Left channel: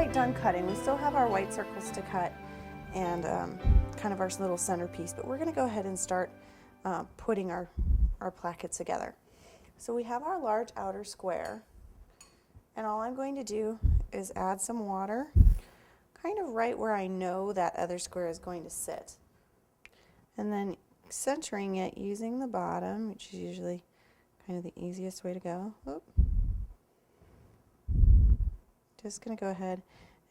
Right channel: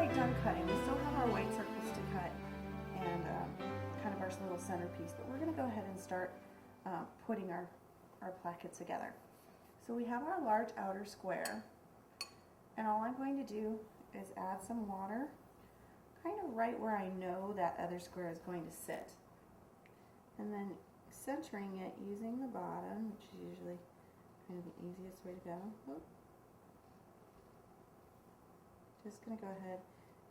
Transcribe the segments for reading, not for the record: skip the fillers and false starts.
quite done cutting. We still have our white circles to cut and kind of our little centerpiece, but we're going to go ahead and start putting our placket together. So we have our large outer square, and all I'm going to do is add some water kind of right where I know that other square is going to sit, and then centering it using the bottom, which is usually kind of the easiest way to go. Oop. Just going to go ahead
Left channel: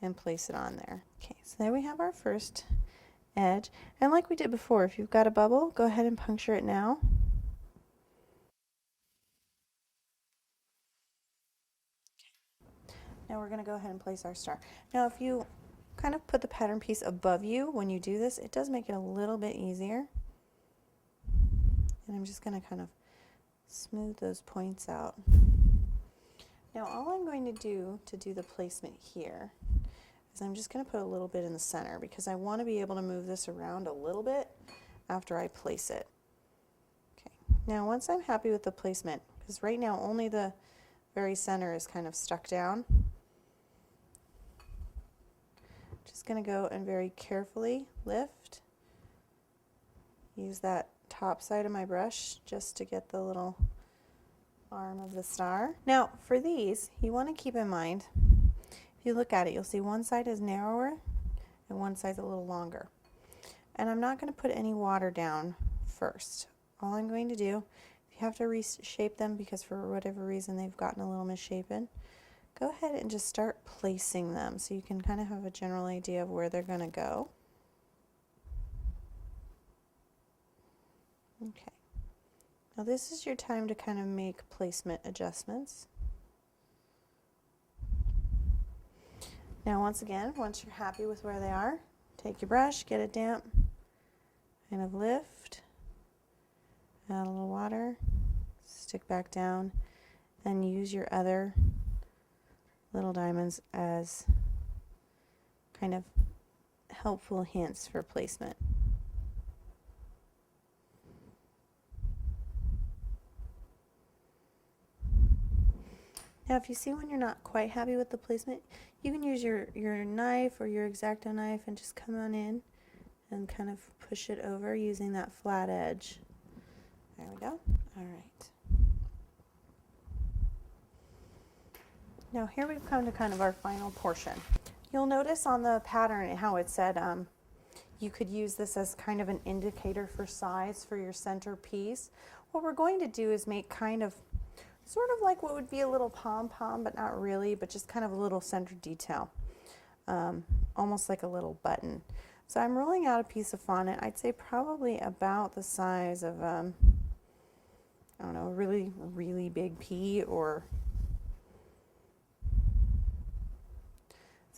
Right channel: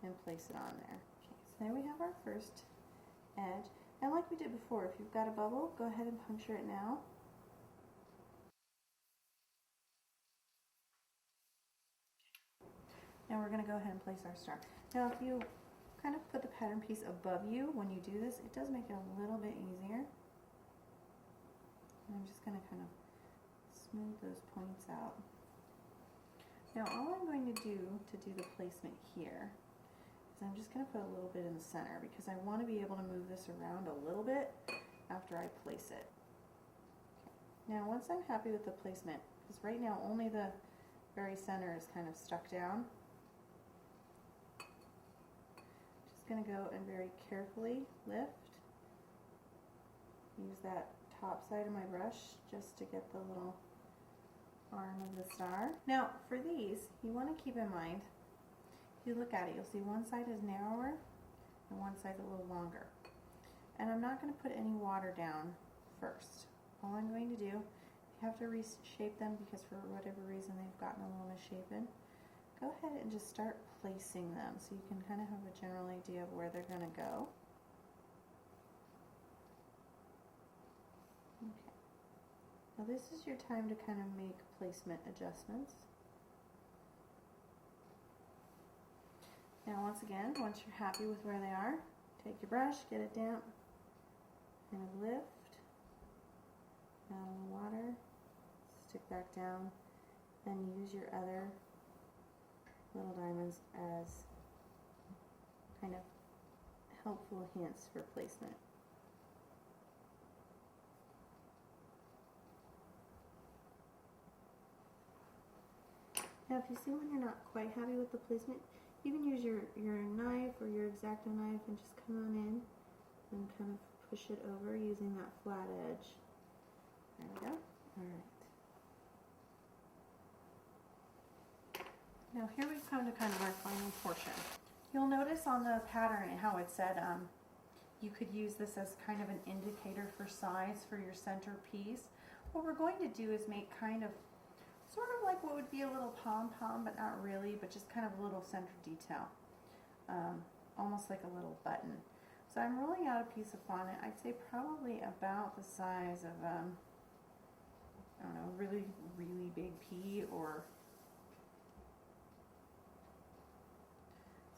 and place it on there. Okay, so there we have our first edge, and like we did before, if you've got a bubble, go ahead and puncture it now. And we're going to go ahead and place our star. Now if you kind of put the pattern piece above you when you do this, it does make it a little bit easier. And I'm just going to kind of smooth those points out. Now all I'm going to do the placement here is I'm just going to put a little bit in the center because I want to be able to move this around a little bit after I place it. Okay. Now once I'm happy with the placement, because right now only the very center is kind of stuck down, just going to go and very carefully lift, use that top side of my brush just to get the little arm of the star. Now for these, you want to keep in mind, if you look at it, you'll see one side is narrower and one side's a little longer. And I'm not going to put any water down first. All I'm going to do, if you have to reshape them because for whatever reason they've gotten a little misshapen, go ahead and just start placing them so you can kind of have a general idea of where they're going to go. Okay. Now this is your time to kind of make placement adjustments. Now once again, once you're happy with where they are, take your brush, get it damp, kind of lift, add a little water, stick back down, and use your other little diamonds as kind of helpful hints for placement. Now if you see when you're not quite happy with the placement, you can use your knife or your X-Acto knife and just come on in and kind of push it over using that flat edge. There we go. Alright. Now here we've come to kind of our final portion. You'll notice on the pattern how it said you could use this as kind of an indicator for size for your centerpiece. What we're going to do is make kind of sort of like what would be a little pom-pom, but not really, but just kind of a little center detail, almost like a little button. So I'm rolling out a piece of fondant, I'd say probably about the size of, I don't know, a really, really big pea or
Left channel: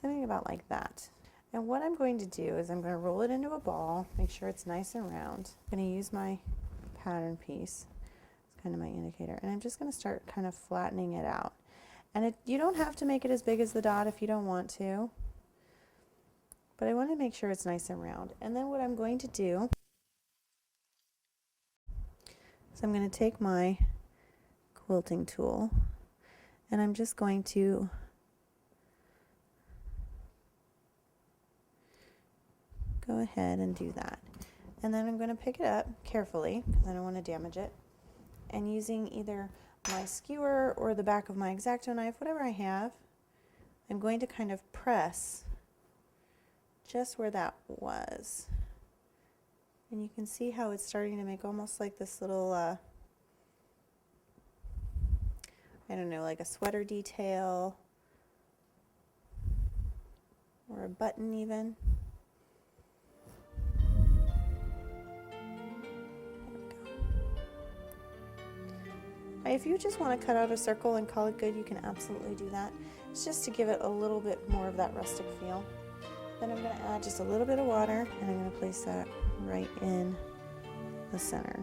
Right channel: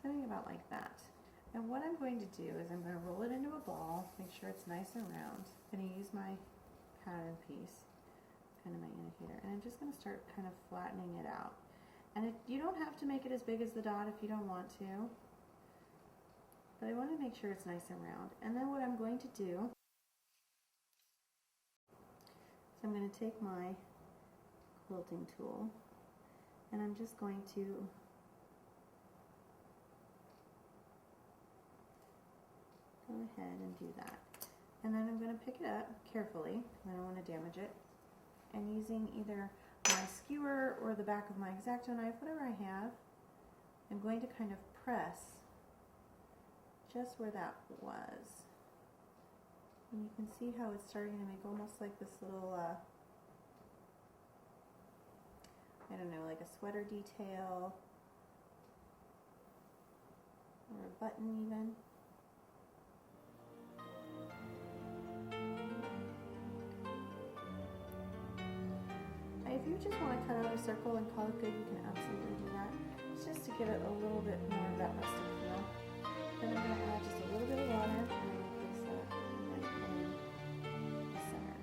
something about like that. And what I'm going to do is I'm going to roll it into a ball, make sure it's nice and round. I'm going to use my pattern piece. Kind of my indicator, and I'm just going to start kind of flattening it out. And you don't have to make it as big as the dot if you don't want to, but I want to make sure it's nice and round. And then what I'm going to do is I'm going to take my quilting tool and I'm just going to go ahead and do that. And then I'm going to pick it up carefully because I don't want to damage it. And using either my skewer or the back of my X-Acto knife, whatever I have, I'm going to kind of press just where that was. And you can see how it's starting to make almost like this little, I don't know, like a sweater detail or a button even. If you just want to cut out a circle and call it good, you can absolutely do that. It's just to give it a little bit more of that rustic feel. Then I'm going to add just a little bit of water and I'm going to place that right in the center.